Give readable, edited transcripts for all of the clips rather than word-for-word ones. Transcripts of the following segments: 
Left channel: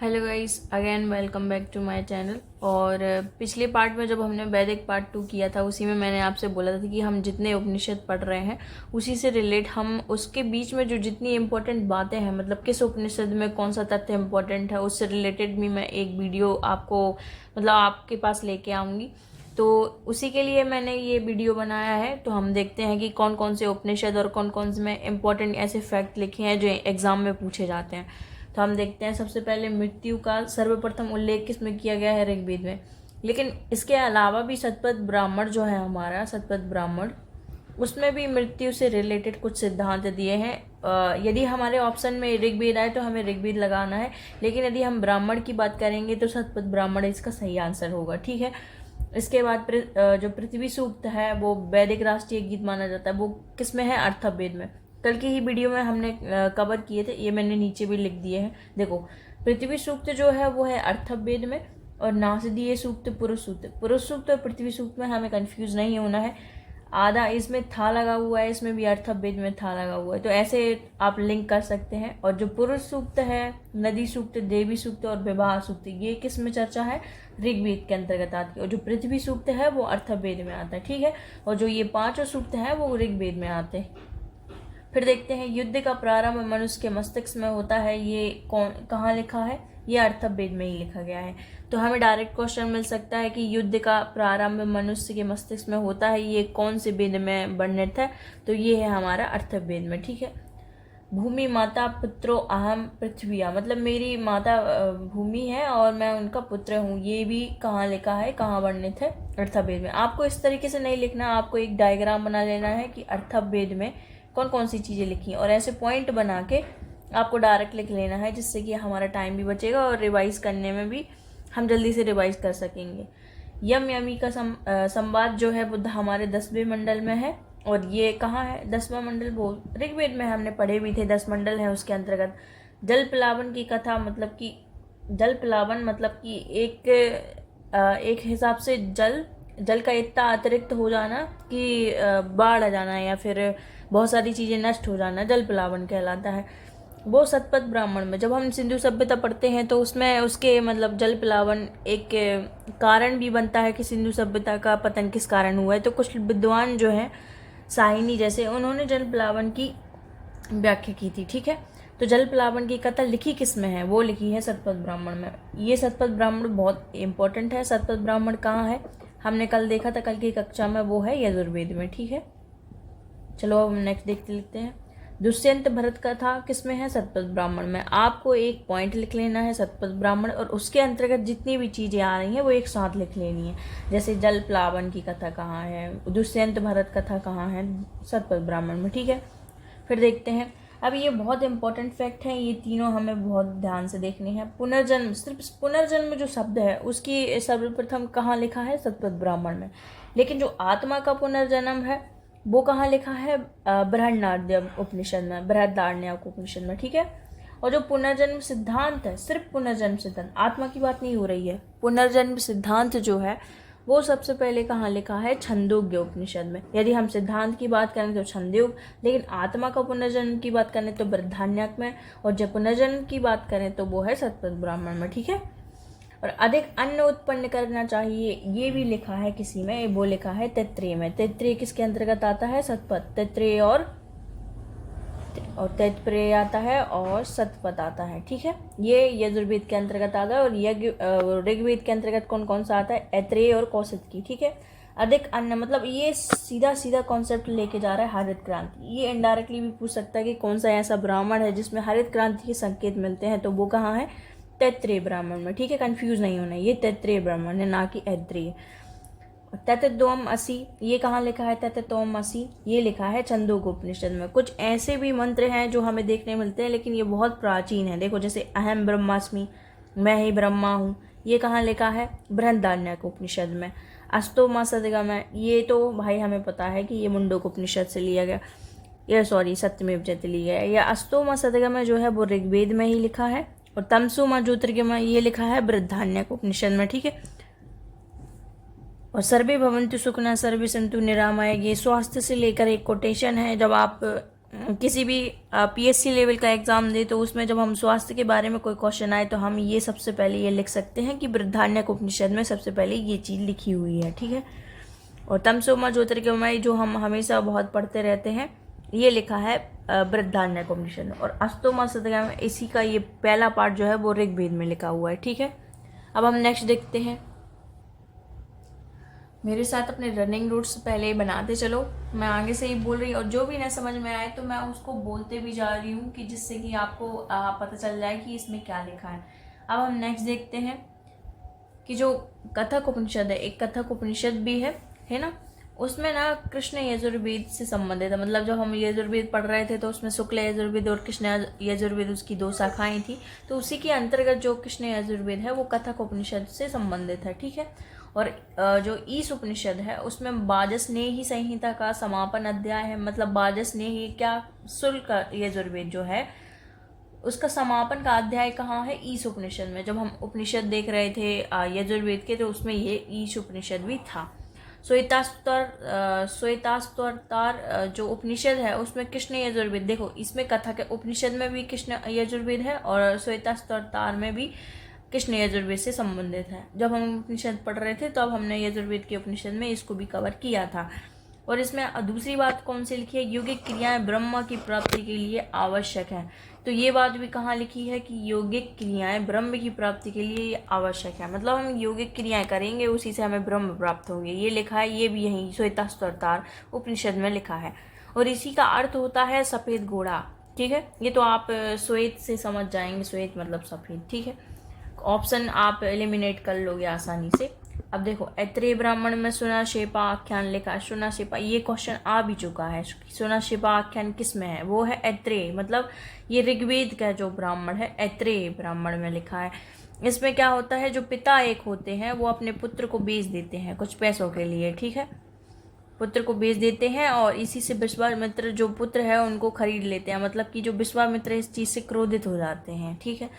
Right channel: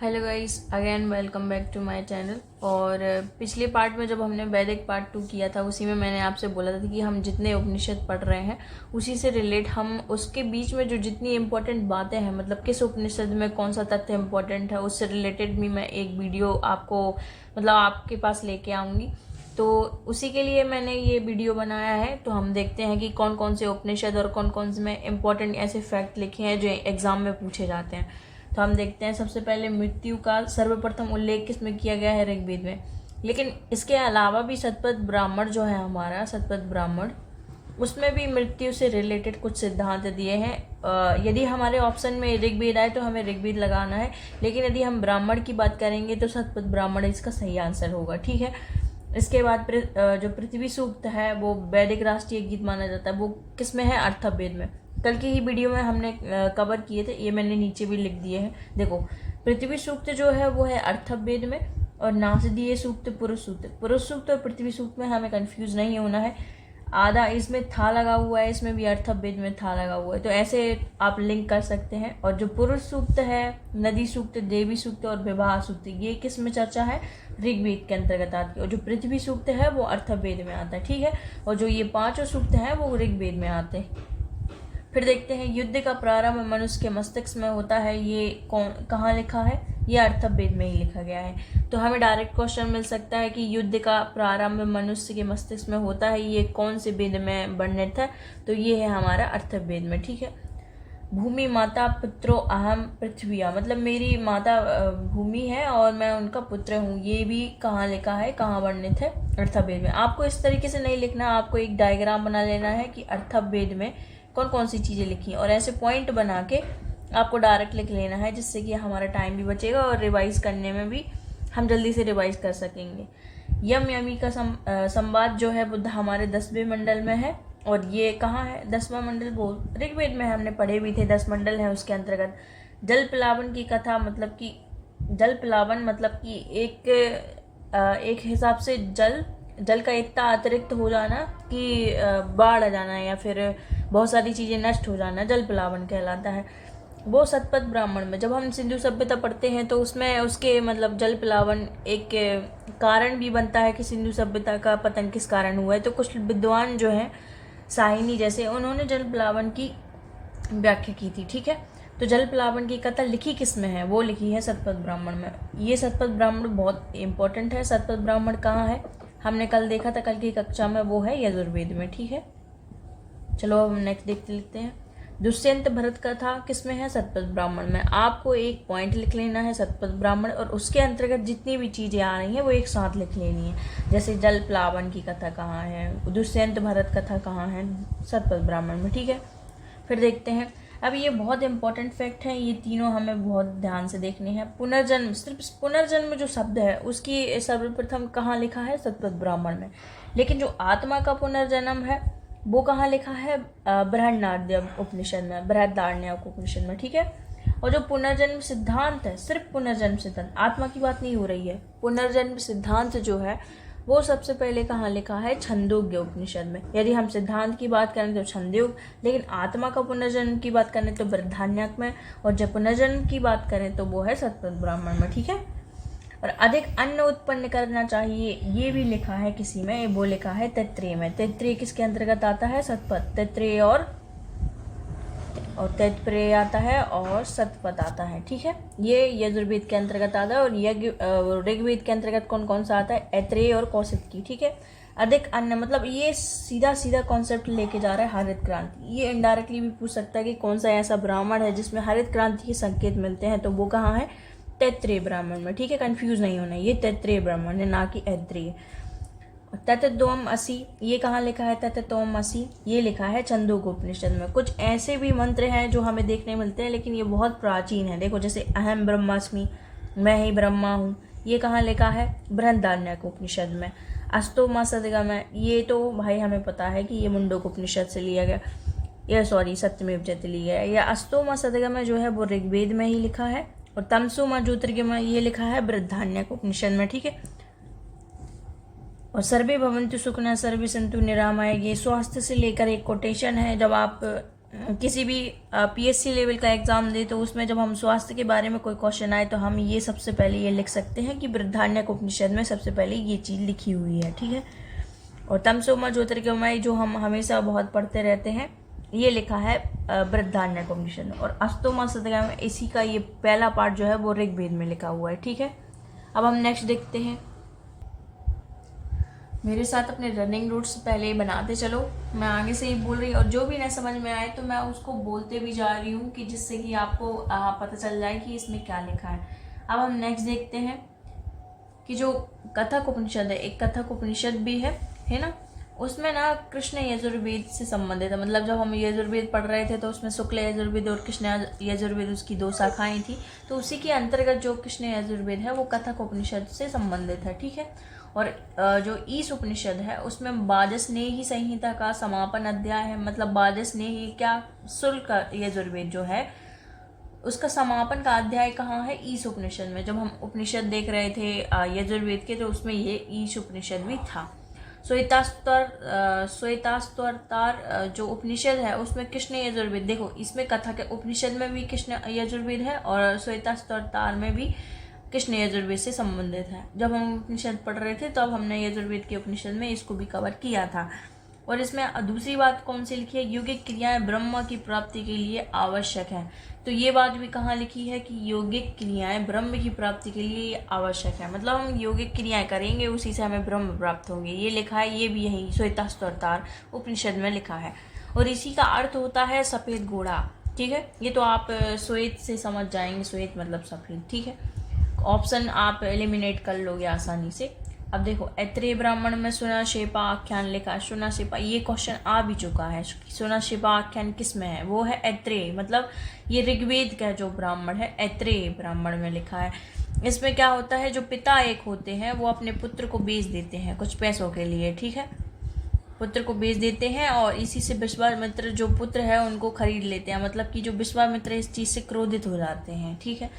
Hello guys, again welcome back to my channel. और पिछले part में जब हमने वैदिक पार्ट 2 किया था, उसी में मैंने आपसे बोला था कि हम जितने उपनिषद पढ़ रहे हैं उसी से रिलेट हम उसके बीच में जो जितनी इम्पोर्टेंट बातें हैं, मतलब किस उपनिषद में कौन सा तथ्य इम्पोर्टेंट है, उससे रिलेटेड भी मैं एक वीडियो आपको मतलब आपके पास लेके आऊँगी। तो उसी के लिए मैंने ये वीडियो बनाया है। तो हम देखते हैं कि कौन कौन से उपनिषद और कौन कौन से में इम्पोर्टेंट ऐसे फैक्ट लिखे हैं जो एग्जाम में पूछे जाते हैं। तो हम देखते हैं, सबसे पहले मृत्यु का सर्वप्रथम उल्लेख किसमें किया गया है? ऋग्वेद में। लेकिन इसके अलावा भी शतपथ ब्राह्मण जो है हमारा शतपथ ब्राह्मण, उसमें भी मृत्यु से रिलेटेड कुछ सिद्धांत दिए हैं। यदि हमारे ऑप्शन में ऋग्वेद आए तो हमें ऋग्वेद लगाना है, लेकिन यदि हम ब्राह्मण की बात करेंगे तो शतपथ ब्राह्मण इसका सही आंसर होगा। ठीक है। इसके बाद जो पृथ्वी सूक्त है वो वैदिक राष्ट्रीय गीत माना जाता है। वो किसमें है? अर्थवेद में। कल की ही वीडियो में हमने कवर किए थे, ये मैंने नीचे भी लिख दिए हैं। देखो, पृथ्वी सूक्त जो है वो है अर्थवेद में, और नासदीय सूक्त पुरुष सूक्त। पुरुष सूक्त और पृथ्वी सूक्त में हमें कंफ्यूज नहीं होना है। आधा इसमें था लगा हुआ है, इसमें भी अर्थवेद में था लगा हुआ है, तो ऐसे आप लिंक कर सकते हैं। और जो पुरुष सूक्त है, नदी सूक्त, देवी सूक्त और विवाह सूक्त, ये किस में चर्चा है? ऋग्वेद के अंतर्गत आती है। और जो पृथ्वी सूक्त है वो अर्थवेद में आता है। ठीक है। और जो ये पांचों सूक्त हैं वो ऋग्वेद में आते हैं। फिर देखते हैं, युद्ध का प्रारंभ मनुष्य के मस्तिष्क में होता है, ये कहाँ लिखा है? ये अर्थवेद में ही लिखा गया है। तो हमें डायरेक्ट क्वेश्चन मिल सकता है कि युद्ध का प्रारंभ मनुष्य के मस्तिष्क में होता है, ये कौन से वेद में वर्णित है? तो ये है हमारा अर्थवेद में। ठीक है। भूमि माता पुत्रो अहम पृथ्विया, मतलब मेरी माता भूमि है और मैं उनका पुत्र हूँ, ये भी कहाँ लिखा है, कहाँ वर्णित है? अर्थवेद में। आपको इस तरीके से नहीं लिखना, आपको एक डायग्राम बना लेना है कि अर्थवेद में कौन कौन सी चीज़ें लिखी, और ऐसे पॉइंट बना के आपको डायरेक्ट लिख लेना है, जिससे कि हमारा टाइम भी बचेगा और रिवाइज करने में भी हम जल्दी से रिवाइज कर सकेंगे। यम यमी का संवाद जो है बुद्ध हमारे 10वें मंडल में है, और ये कहाँ है? 10वां मंडल वो ऋग्वेद में हमने पढ़े भी थे, 10 मंडल है उसके अंतर्गत। जल प्लावन की कथा, मतलब कि जल प्लावन मतलब कि एक हिसाब से जल का इतना अतिरिक्त हो जाना कि बाढ़ आ जाना या फिर बहुत सारी चीज़ें नष्ट हो जाना, जल प्लावन कहलाता है। वो शतपथ ब्राह्मण में जब हम सिंधु सभ्यता पढ़ते हैं तो उसमें उसके मतलब जल प्लावन एक कारण भी बनता है कि सिंधु सभ्यता का पतन किस कारण हुआ है। तो कुछ विद्वान जो हैं, साहिनी जैसे, उन्होंने जल प्लावन की व्याख्या की थी। ठीक है। तो जल प्लावन की कथा लिखी किस में है? वो लिखी है शतपथ ब्राह्मण में। ये शतपथ ब्राह्मण बहुत इंपॉर्टेंट है। शतपथ ब्राह्मण कहाँ है? हमने कल देखा था, कल की कक्षा में, वो है यजुर्वेद में। ठीक है। चलो हम नेक्स्ट देखते लेते हैं। दुष्यंत भरत कथा किसमें है? शतपथ ब्राह्मण में। आपको एक पॉइंट लिख लेना है शतपथ ब्राह्मण, और उसके अंतर्गत जितनी भी चीजें आ रही हैं वो एक साथ लिख लेनी है। जैसे जल प्लावन की कथा कहाँ है, दुष्यंत भरत कथा कहाँ है? शतपथ ब्राह्मण में। ठीक है। फिर देखते हैं, अब ये बहुत इंपॉर्टेंट फैक्ट है, ये तीनों हमें बहुत ध्यान से देखने हैं। पुनर्जन्म, सिर्फ पुनर्जन्म जो शब्द है उसकी सर्वप्रथम कहाँ लिखा है? शतपथ ब्राह्मण में। लेकिन जो आत्मा का पुनर्जन्म है वो कहाँ लिखा है? बृहदारण्यक उपनिषद में, बृहदारण्यक उपनिषद में। ठीक है। और जो पुनर्जन्म सिद्धांत है, सिर्फ पुनर्जन्म सिद्धांत, आत्मा की बात नहीं हो रही है, पुनर्जन्म सिद्धांत जो है वो सबसे पहले कहाँ लिखा है? छंदोग्य उपनिषद में। यदि हम सिद्धांत की बात करें तो छंदोग, लेकिन आत्मा का पुनर्जन्म की बात करें तो बृहदारण्यक में, और जब पुनर्जन्म की बात करें तो वो है शतपथ ब्राह्मण में। ठीक है। और अधिक अन्न उत्पन्न करना चाहिए, ये भी लिखा है किसी में, वो लिखा है तैत्रेय में। तैत्रेय किसके अंतर्गत आता है? शतपथ। तैत्रेय और तैत्प्रेय आता है और शतपथ आता है। ठीक है। ये यजुर्वेद के अंतर्गत आता है, और ऋग्वेद के अंतर्गत कौन कौन सा आता है? ऐत्रेय और कौशिकी। ठीक है। अधिक अन्न मतलब ये सीधा सीधा कॉन्सेप्ट लेके जा रहा है हरित क्रांति। ये इनडायरेक्टली भी पूछ सकता है कि कौन सा ऐसा ब्राह्मण है जिसमें हरित क्रांति के संकेत मिलते हैं, तो वो कहाँ है? तैत्रेय ब्राह्मण में। ठीक है। कंफ्यूज नहीं होना, ये तैत्रेय ब्राह्मण है, ना कि ऐत्रेय। तत्त्वम असि, ये कहाँ लिखा है? तत्त्वम असि ये लिखा है छंदोग्योपनिषद में। कुछ ऐसे भी मंत्र हैं जो हमें देखने मिलते हैं, लेकिन ये बहुत प्राचीन है। देखो, जैसे अहम ब्रह्मास्मि, मैं ही ब्रह्मा हूँ, ये कहाँ लिखा है? बृहदारण्यक उपनिषद में। अस्तोमा सदगम है, ये तो भाई हमें पता है कि ये मुंडकोपनिषद से लिया गया, ये सॉरी सत्यमेव जयते लिया गया। या अस्तोमा सदगम जो है वो ऋग्वेद में ही लिखा है, और तमसोमा ज्योतिर्गमय ये लिखा है बृहदारण्यक उपनिषद में। ठीक है। और सर्वे भवन्तु सुखिनः सर्वे सन्तु निरामया, ये स्वास्थ्य से लेकर एक कोटेशन है। जब आप किसी भी पीएससी लेवल का एग्जाम दे तो उसमें जब हम स्वास्थ्य के बारे में कोई क्वेश्चन आए तो हम ये सबसे पहले ये लिख सकते हैं कि बृहदारण्यक उपनिषद में सबसे पहले ये चीज़ लिखी हुई है, ठीक है। और तमसो ज्योतिर्गमय जो हम हमेशा बहुत पढ़ते रहते हैं, ये लिखा है बृहदारण्यक उपनिषद में। और अस्तोमा सदगमय इसी का ये पहला पार्ट जो है वो ऋग्वेद में लिखा हुआ है, ठीक है। अब हम नेक्स्ट देखते हैं। मेरे साथ अपने रनिंग रूट्स पहले बनाते चलो, मैं आगे से ही बोल रही और जो भी ना समझ में आए तो मैं उसको बोलते भी जा रही हूँ कि जिससे कि आपको पता चल जाए कि इसमें क्या लिखा है। अब हम नेक्स्ट देखते हैं कि जो कथक उपनिषद है, एक कथक उपनिषद भी है ना, उसमें ना कृष्ण यजुर्वेद से संबंधित है। मतलब जब हम यजुर्वेद पढ़ रहे थे तो उसमें शुक्ल यजुर्वेद और कृष्ण यजुर्वेद उसकी 2 शाखाएं थी, तो उसी के अंतर्गत जो कृष्ण यजुर्वेद है वो कथक उपनिषद से संबंधित है, ठीक है। और जो ईश उपनिषद है उसमें बाजस्नेही संहिता का समापन अध्याय है। मतलब बाजस्नेही क्या, शुल्क यजुर्वेद जो है उसका समापन का अध्याय कहाँ है, ईश उपनिषद में। जब हम उपनिषद देख रहे थे यजुर्वेद के तो उसमें ये ईश उपनिषद भी था। श्वेतास्वरतार जो उपनिषद है उसमें कृष्ण यजुर्वेद, देखो इसमें कथा के उपनिषद में भी कृष्ण यजुर्वेद है और श्वेतास्वरतार में भी कृष्ण यजुर्वेद से संबंधित है। जब हम उपनिषद पढ़ रहे थे तब तो हमने यजुर्वेद के उपनिषद में इसको भी कवर किया था। और इसमें दूसरी बात कौन सी लिखी है, यौगिक क्रियाएं ब्रह्म की प्राप्ति के लिए आवश्यक है। तो ये बात भी कहाँ लिखी है कि यौगिक क्रियाएं ब्रह्म की प्राप्ति के लिए आवश्यक है। मतलब हम यौगिक क्रियाएं करेंगे उसी से हमें ब्रह्म प्राप्त होंगे, ये लिखा है। ये भी यही श्वेतास्वरतार उपनिषद में लिखा है। और इसी का अर्थ होता है सफेद घोड़ा, ठीक है। ये तो आप श्वेत से समझ जाएंगे, श्वेत मतलब सफेद, ठीक है। ऑप्शन आप एलिमिनेट कर लोगे आसानी से। अब देखो ऐत्रेय ब्राह्मण में सुनाशेपा आख्यान लिखा है। सुनाशेपा ये क्वेश्चन आ भी चुका है। सुनाशेपा आख्यान किस में है, वो है ऐत्रेय, मतलब ये ऋग्वेद का जो ब्राह्मण है ऐत्रेय ब्राह्मण में लिखा है। इसमें क्या होता है, जो पिता एक होते हैं वो अपने पुत्र को बेच देते हैं कुछ पैसों के लिए, ठीक है। पुत्र को बेच देते हैं और इसी से विश्वामित्र जो पुत्र है उनको खरीद लेते हैं। मतलब कि जो विश्वामित्र इस चीज़ से क्रोधित हो जाते हैं, ठीक है।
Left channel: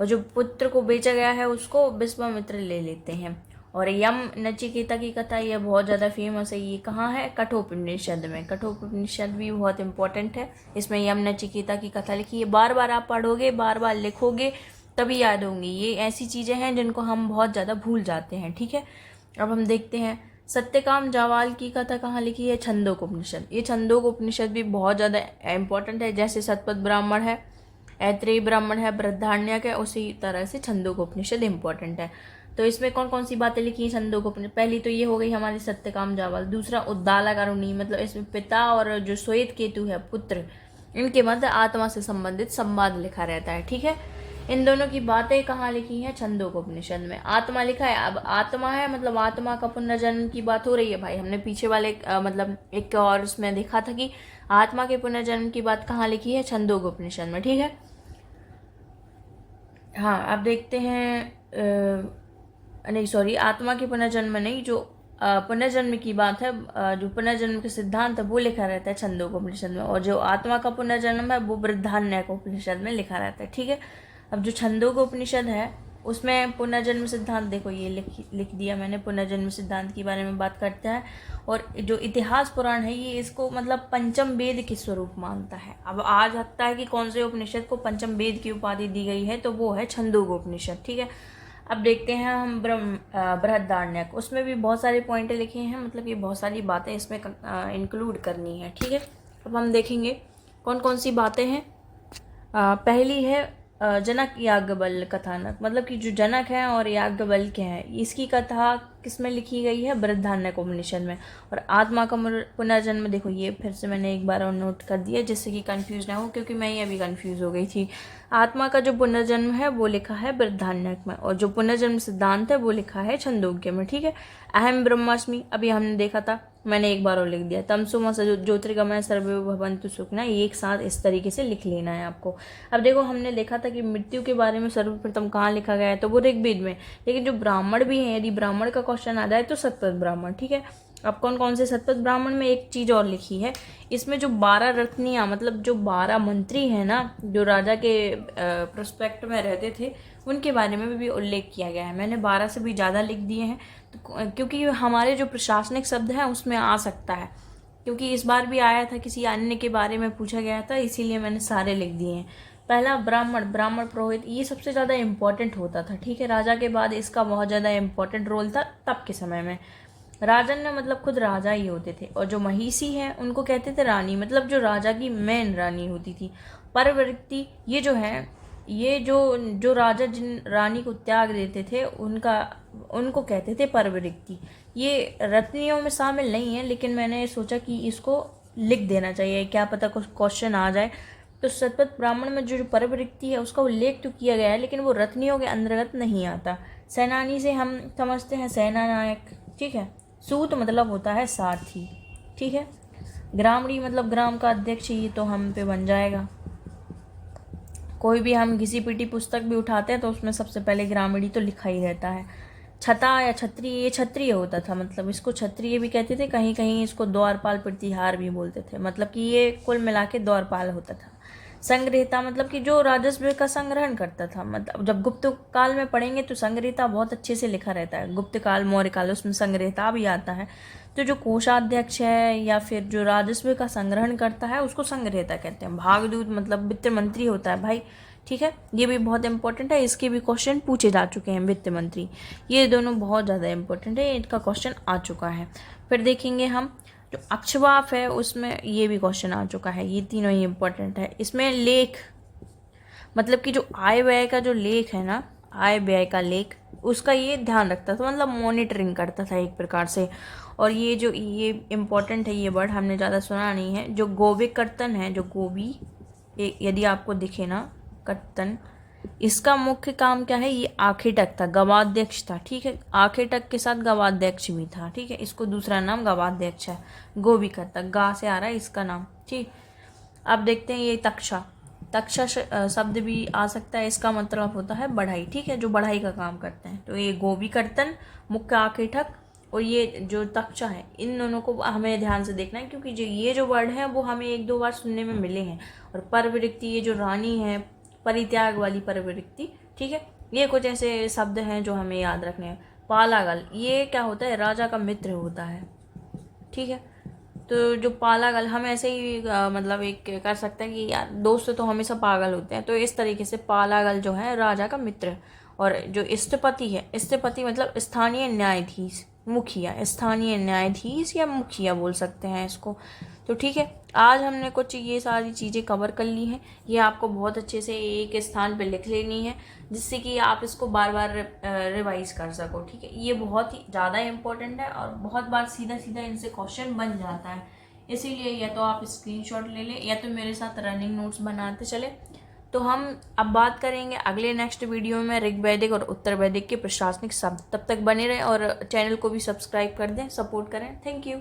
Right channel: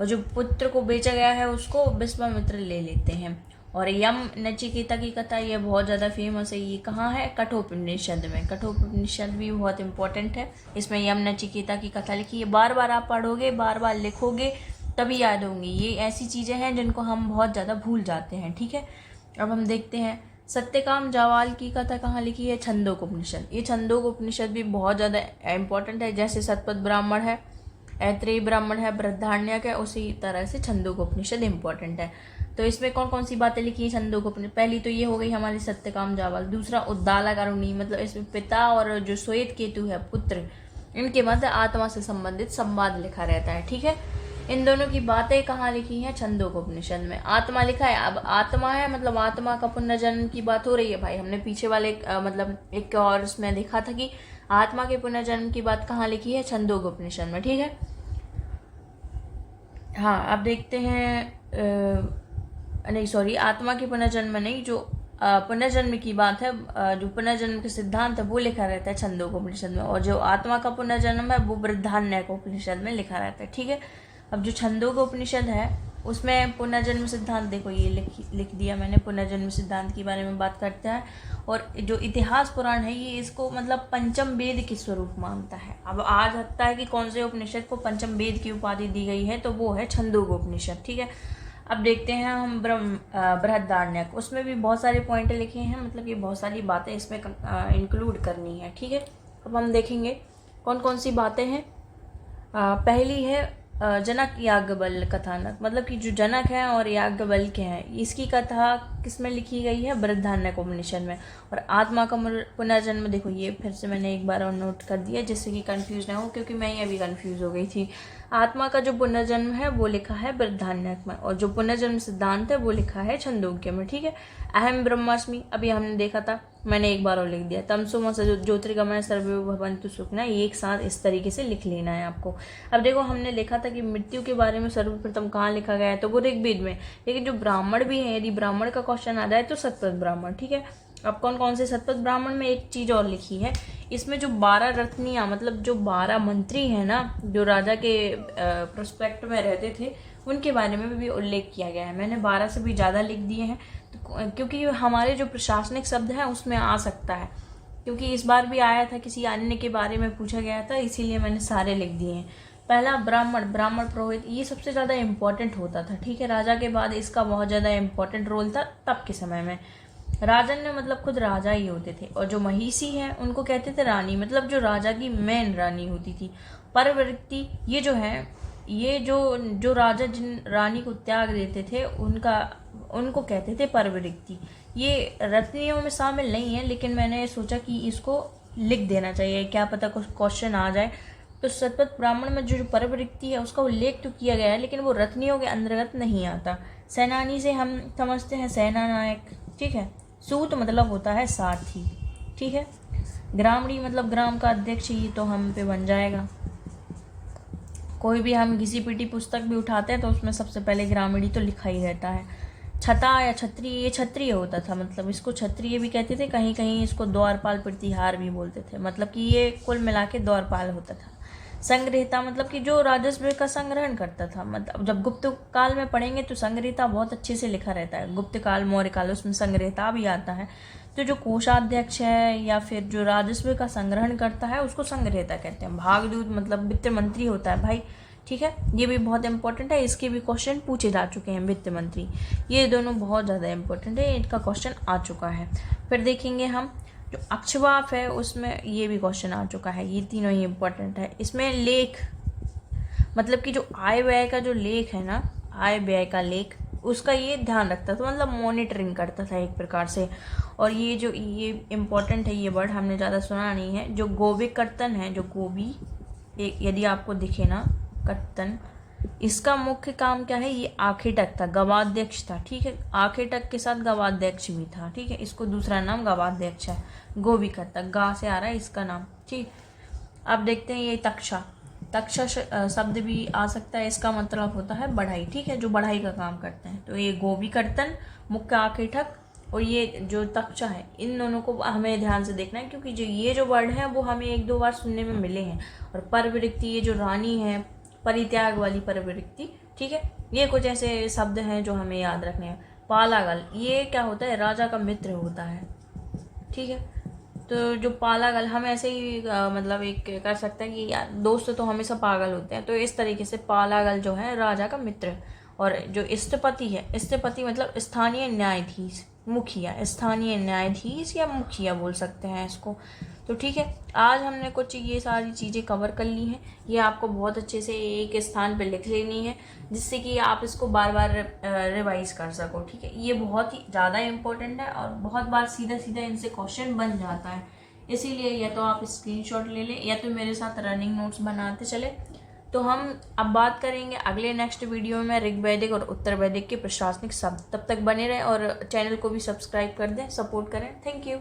और जो पुत्र को बेचा गया है उसको विश्वामित्र ले लेते हैं। और यम नचिकेता की कथा ये बहुत ज़्यादा फेमस है। ये कहाँ है, कठोपनिषद में। कठोपनिषद भी बहुत इंपॉर्टेंट है। इसमें यम नचिकेता की कथा लिखी है। बार बार आप पढ़ोगे, बार बार लिखोगे तभी याद होंगी। ये ऐसी चीज़ें हैं जिनको हम बहुत ज़्यादा भूल जाते हैं, ठीक है। अब हम देखते हैं सत्यकाम जावाल की कथा कहाँ लिखी है, छंदोक उपनिषद। ये छंदोक उपनिषद भी बहुत ज़्यादा इंपॉर्टेंट है। जैसे सतपथ ब्राह्मण है, ऐत्रेय ब्राह्मण है, बृहदारण्यक है, उसी तरह से छंदोक उपनिषद इंपॉर्टेंट है। तो इसमें कौन कौन सी बातें लिखी हैं छंदोक उपनिषद, पहली तो ये हो गई हमारी सत्यकाम जावाल। दूसरा उद्दालक अरुणी, मतलब इसमें पिता और जो श्वेत केतु है पुत्र, इनके मध्य आत्मा से संबंधित संवाद लिखा रहता है, ठीक है। इन दोनों की बातें कहाँ लिखी हैं, छंदोक उपनिषद में। आत्मा लिखा है, अब आत्मा है मतलब आत्मा का पुनर्जन्म की बात हो रही है भाई। हमने पीछे वाले मतलब एक और उसमें देखा था कि आत्मा के पुनर्जन्म की बात कहाँ लिखी है, छंदोक उपनिषद में, ठीक है। हाँ अब देखते हैं नहीं सॉरी, आत्मा के पुनर्जन्म नहीं, जो पुनर्जन्म की बात है, जो पुनर्जन्म के सिद्धांत है वो लिखा रहता है छंदोक उपनिषद में। और जो आत्मा का पुनर्जन्म है वो बृहदारण्यक उपनिषद में लिखा रहता है, ठीक है। अब जो छंदोक उपनिषद है उसमें पुनर्जन्म सिद्धांत, देखो ये लिख दिया मैंने, पुनर्जन्म सिद्धांत के बारे में बात करता है। और जो इतिहास पुराण है ये इसको मतलब पंचम वेद के स्वरूप मानता है। अब आ सकता है कि कौन से उपनिषद को पंचम वेद की उपाधि दी गई है, तो वो है छंदोक उपनिषद, ठीक है। अब देखते हैं हम बृहदारण्यक, उसमें भी बहुत सारे पॉइंट लिखे हैं। मतलब ये बहुत सारी बातें इसमें इंक्लूड करनी है, ठीक है। अब हम देखेंगे कौन कौन सी बातें हैं। पहली है जनक याज्ञवल्क्य कथानक, मतलब कि जो जनक है और याज्ञवल्क्य है इसकी कथा किसमें लिखी गई है, बृहदारण्यक उपनिषद में। और आत्मा का पुनर्जन्म, देखो ये फिर से मैंने एक बार और नोट कर दिया जिससे कि कंफ्यूज ना हो, क्योंकि मैं ही अभी कंफ्यूज हो गई थी। आत्मा का जो पुनर्जन्म है वो लिखा है बृहदारण्यक में, और जो पुनर्जन्म सिद्धांत है वो लिखा है छंदोग्य में, ठीक है। अहम ब्रह्मास्मि अभी हमने देखा था, मैंने एक बार और लिख दिया। तमसो ज्योतिर्गमय सर्वे भवन्तु सुखिनः, ये एक साथ इस तरीके से लिख लेना है आपको। अब देखो हमने देखा था कि मृत्यु के बारे में सर्वप्रथम कहाँ लिखा गया है, तो वो ऋग्वेद में। लेकिन जो ब्राह्मण भी है, यदि ब्राह्मण का क्वेश्चन आ जाए तो सतपथ ब्राह्मण, ठीक है। अब कौन कौन से सतपथ ब्राह्मण में एक चीज और लिखी है, इसमें जो 12 रत्नियां, मतलब जो 12 मंत्री हैं ना, जो राजा के प्रोस्पेक्ट में रहते थे, उनके बारे में भी उल्लेख किया गया है। मैंने 12 से भी ज़्यादा लिख दिए हैं, तो क्योंकि हमारे जो प्रशासनिक शब्द है उसमें आ सकता है, क्योंकि इस बार भी आया था, किसी अन्य के बारे में पूछा गया था, इसीलिए मैंने सारे लिख दिए हैं। पहला ब्राह्मण, ब्राह्मण पुरोहित, ये सबसे ज़्यादा इम्पोर्टेंट होता था, ठीक है। राजा के बाद इसका बहुत ज़्यादा इम्पोर्टेंट रोल था तब के समय में। राजन ने मतलब खुद राजा ही होते थे, और जो महिषी हैं उनको कहते थे रानी, मतलब जो राजा की मेन रानी होती थी। परवृत्ति, ये जो है, ये जो राजा जिन रानी को त्याग देते थे उनको कहते थे परवृत्ति। ये रत्नियों में शामिल नहीं है, लेकिन मैंने सोचा कि इसको लिख देना चाहिए, क्या पता कुछ क्वेश्चन आ जाए। तो शतपथ ब्राह्मण में जो परवृत्ति है उसका उल्लेख तो किया गया है, लेकिन वो रत्नियों के अंतर्गत नहीं आता। सेनानी से हम समझते हैं सेना नायक, ठीक है। सूत मतलब होता है सारथी, ठीक है। ग्रामणी मतलब ग्राम का अध्यक्ष, ये तो हम पे बन जाएगा। कोई भी हम किसी पीटी पुस्तक भी उठाते हैं तो उसमें सबसे पहले ग्रामीणी तो लिखा ही रहता है। छता या छत्री, ये क्षत्रिय होता था, मतलब इसको क्षत्रिय भी कहते थे, कहीं कहीं इसको द्वारपाल प्रतिहार भी बोलते थे, मतलब कि ये कुल मिला के द्वारपाल होता था। संग्रहिता मतलब कि जो राजस्व का संग्रहण करता था, मतलब जब गुप्त काल में पढ़ेंगे तो संग्रहिता बहुत अच्छे से लिखा रहता है। गुप्त काल, मौर्य काल, उसमें संग्रहिता भी आता है। तो जो कोषाध्यक्ष है या फिर जो राजस्व का संग्रहण करता है उसको संग्रहिता कहते हैं। भागदूत मतलब वित्त मंत्री होता है भाई, ठीक है। ये भी बहुत इंपॉर्टेंट है, इसके भी क्वेश्चन पूछे जा चुके हैं। वित्त मंत्री, ये दोनों बहुत ज़्यादा इंपॉर्टेंट है, इनका क्वेश्चन आ चुका है। फिर देखेंगे हम जो अक्षवाप है, उसमें ये भी क्वेश्चन आ चुका है। ये तीनों ही इंपॉर्टेंट है। इसमें लेख मतलब कि जो आय व्यय का जो लेख है ना, आय व्यय का लेख, उसका ये ध्यान रखता था, मतलब मॉनिटरिंग करता था एक प्रकार से। और ये इम्पोर्टेंट है, ये वर्ड हमने ज़्यादा सुना नहीं है। जो गोबी कर्तन है, जो गोबी यदि आपको दिखे ना, कर्तन, इसका मुख्य काम क्या है, ये आखेटक था, गवाध्यक्ष था, ठीक है। आखेटक के साथ गवाध्यक्ष भी था, ठीक है। इसको दूसरा नाम गवाध्यक्ष है। गोबी कर्तक, गा से आ रहा है इसका नाम, ठीक। अब देखते हैं ये तक्षा, तक्षा शब्द भी आ सकता है, इसका मतलब होता है बढ़ाई, ठीक है, जो बढ़ाई का काम करते हैं। तो ये गोबी कर्तन, मुख्य आखेटक, और ये जो तक्षा है, इन दोनों को हमें ध्यान से देखना है, क्योंकि ये जो वर्ड है वो हमें एक दो बार सुनने में मिले हैं। और परवृत्ति, ये जो रानी है, परित्याग वाली परवृत्ति, ठीक है। ये कुछ ऐसे शब्द हैं जो हमें याद रखने हैं। पालागल, ये क्या होता है, राजा का मित्र होता है, ठीक है। तो जो पालागल, हम ऐसे ही मतलब एक कर सकते हैं कि यार दोस्त तो हमेशा पागल होते हैं, तो इस तरीके से पालागल जो है राजा का मित्र है। और जो इष्टपति है, इष्टपति मतलब स्थानीय न्यायाधीश, मुखिया, स्थानीय न्यायाधीश या मुखिया बोल सकते हैं इसको। तो ठीक है, आज हमने कुछ ये सारी चीज़ें कवर कर ली हैं। ये आपको बहुत अच्छे से एक स्थान पे लिख लेनी है, जिससे कि आप इसको बार बार रिवाइज कर सको, ठीक है। ये बहुत ही ज़्यादा इम्पोर्टेंट है और बहुत बार सीधा सीधा इनसे क्वेश्चन बन जाता है, इसीलिए या तो आप स्क्रीनशॉट ले लें या तो मेरे साथ रनिंग नोट्स बनाते चले। तो हम अब बात करेंगे अगले नेक्स्ट वीडियो में ऋग्वैदिक और उत्तर वैदिक के प्रशासनिक शब्द। तब तक बने रहें और चैनल को भी सब्सक्राइब कर दें, सपोर्ट करें। Thank you.